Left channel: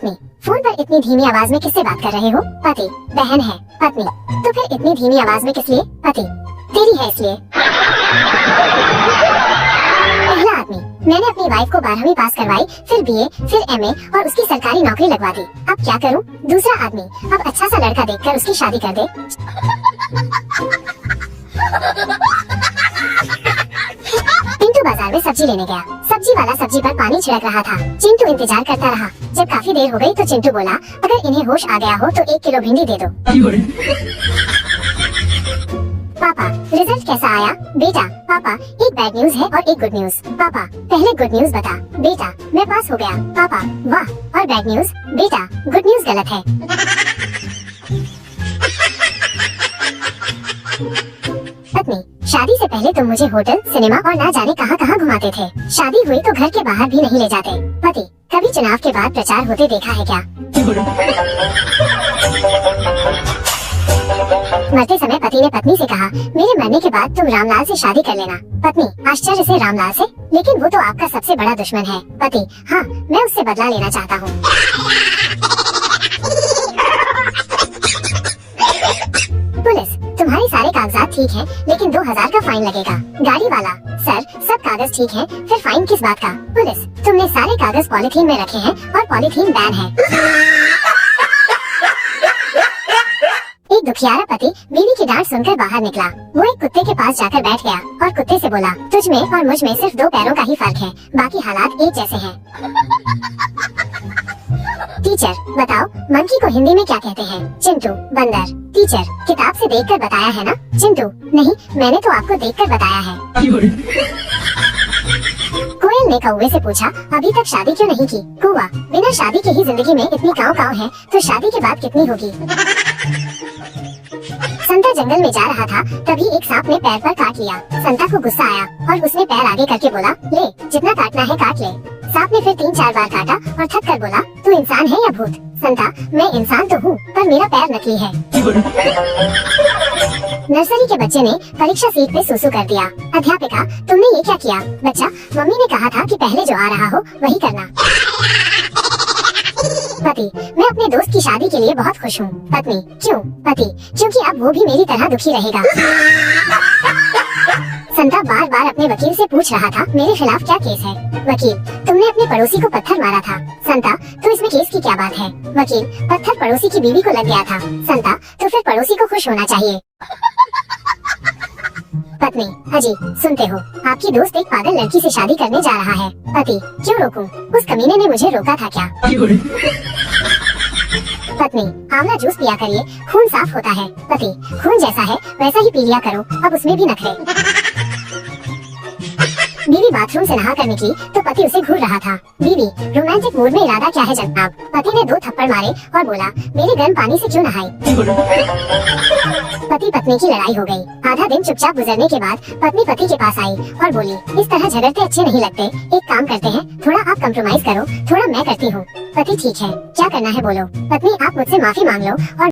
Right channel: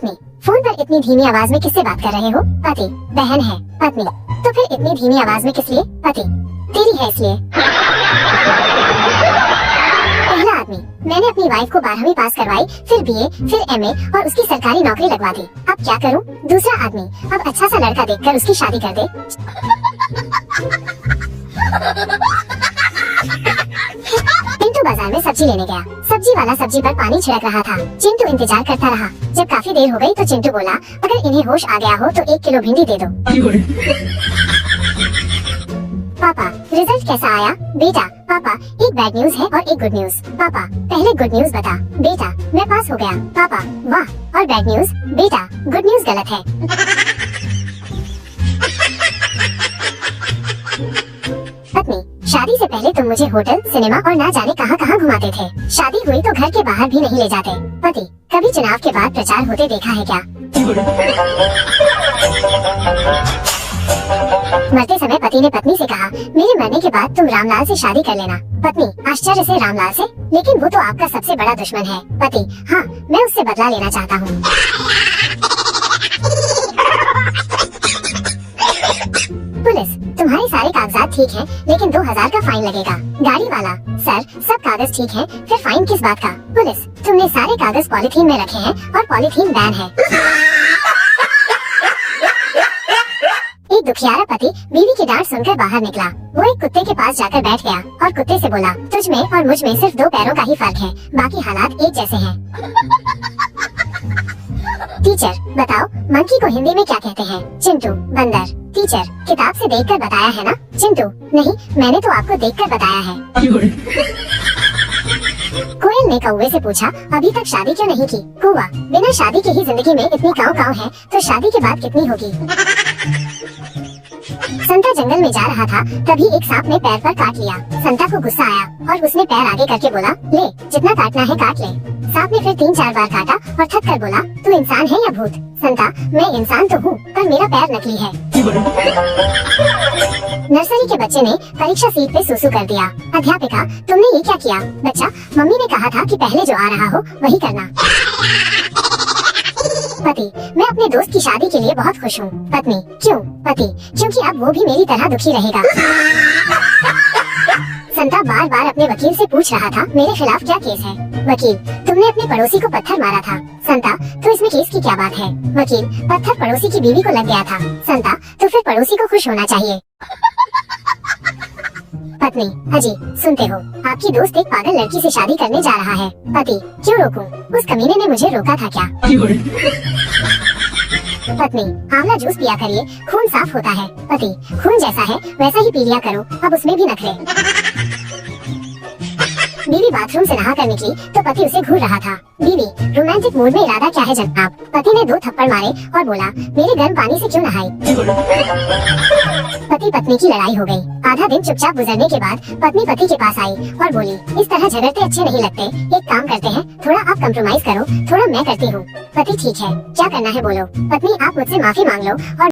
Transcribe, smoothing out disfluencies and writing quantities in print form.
पत्नी, फोन पर इतनी धीमी आवाज में किससे बात कर रहे हो? पति, बहन है। पत्नी, तो फिर इतनी धीमी आवाज में किस लिए? पति, तेरी है इसलिए। पहला आदमी, मैंने अपनी वाइफ को 12वीं पास करवाई, फिर बीए, फिर एमए और उसकी सरकारी नौकरी लगवा दी। अब क्या करूं? दूसरा आदमी, अब अच्छा सा लड़का देखकर उसकी शादी कर दे। चिंटू बाजार में सब्जी लेने गया। सब्जी वाला सब्जी पर पानी छिड़क रहा था। चिंटू इंतजार करता रहा। जब काफी देर हो गई तो चिंटू बोला, अगर इन्हें होश आ गया हो तो 1 किलो भिंडी दे दो। पापा, रिजल्ट कैसा आया? बेटा, पापा, एक बैड न्यूज है और एक गुड न्यूज। पापा, पहले गुड न्यूज बता। बेटा, मैं पास हो गया। पापा, वाह। और बैड न्यूज? बेटा, गुड न्यूज गलत है। पत्नी, शादी से पहले तुम मुझे होटल, सिनेमा और ना जाने कहां कहां घुमाते थे। शादी हुई तो घर के बाहर भी नहीं ले जाते। पति, कभी चुनाव के बाद प्रचार होते देखा है क्या? मरते समय पति ने पत्नी से कहा, मेरे मरने के बाद तुम रामलाल से शादी कर लेना। पत्नी, आश्चर्य से रामलाल से? लेकिन वो तो आपका सबसे बड़ा दुश्मन है। पति, हाँ, मैं उससे बदला लेना चाहता हूँ। पुलिस, तुम्हारे सारे कागजात ठीक हैं, लेकिन 2000 का फाइन लगेगा। गाड़ी वाला, सर, सब कागज ठीक हैं, फिर फाइन किस बात का? पुलिस, तुमने सारे कागज पॉलिथीन में रखे हैं और पॉलिथीन बैन है। एक दुखियारा पति बीवी की डांट सुनकर बाहर निकला। वो एक कुत्ते के पास जाकर बैठ गया और कुत्ते से बोला, तुझ में और मुझ में सिर्फ 2 पैरों का ही फर्क है, बाकी हालात एक जैसे हैं। टीचर, बताओ मंकी को हिंदी में क्या कहते हैं? चिंटू, बंदर। टीचर, किताब से देखकर बताया है ना? चिंटू, नहीं, मैंने तो आपको देखकर बताया है। कोयल ने कौवे से पूछा, अभी तक शादी क्यों नहीं की? कौवा, बिना शादी के ही जिंदगी में इतनी काव काव है, तो शादी के बाद कितनी होगी? संता जंगल में जा रहा था, तभी एक सांप ने पैर पर काट लिया। संता को गुस्सा आया और उसने पैर आगे करके बोला, ले, जितना काटना है काट ले। सांप ने फिर 3-4 बार काटा और थक कर बोला, तू इंसान है या भूत? संता, मैं इंसान तो हूँ, पर मेरा पैर नकली है। नर्सरी के बच्चे ने परीक्षा सीट पे सुसु कर दिया। अध्यापिका, तुमने ये क्या किया? बच्चा, मम्मी ने कहा था कि पहले जो आ रहा हो वही करना। पति, मैं अपने दोस्त की शादी के लिए बहुत खुश हूँ। पत्नी, क्यों? पति, क्योंकि अब वो भी मेरी तरह दुखी रहेगा। संता बार बार अपने वकील से पूछ रहा था, मेरे खिलाफ क्या केस है? वकील, तुमने अपने पड़ोसी को पत्थर मारा था। संता, तो इसमें केस की क्या बात है? वकील, पत्थर पड़ोसी की बीवी को लग गया था। संता, तो फिर पड़ोसी को खुश होना चाहिए। पत्नी, अजी, सुनते हो, आपकी दोस्त एक पागल लड़की से शादी करने जा रहा है। पति, क्यों रोकूं? उस कमीने ने मुझे रोका था क्या? पत्नी, आंवला जूस पिया करिए, खून साफ होता है। पति, खून जैसा है वैसा ही पी लिया करो, अब उसमें भी नखरे। बीवी बाथरूम से नहा कर निकली तो पति उसे घूर रहा था। बीवी, रोमांटिक मूड में इरादा क्या है जनाब? पति ने 2 थप्पड़ मारे और बोला, मेरे गर्म पानी से क्यों नहाई? पति पत्नी की लड़ाई हो गई। आधा दिन चुपचाप गुजरने के बाद पत्नी पति के पास आई और बोली, इस तरह झगड़ते अच्छे नहीं लगते, एक काम करते हैं, थोड़ा आप कंप्रोमाइज करो, थोड़ा मैं करती हूँ। पति, ठीक है, क्या करना है बोलो। पत्नी, आप मुझसे माफी मांग लो और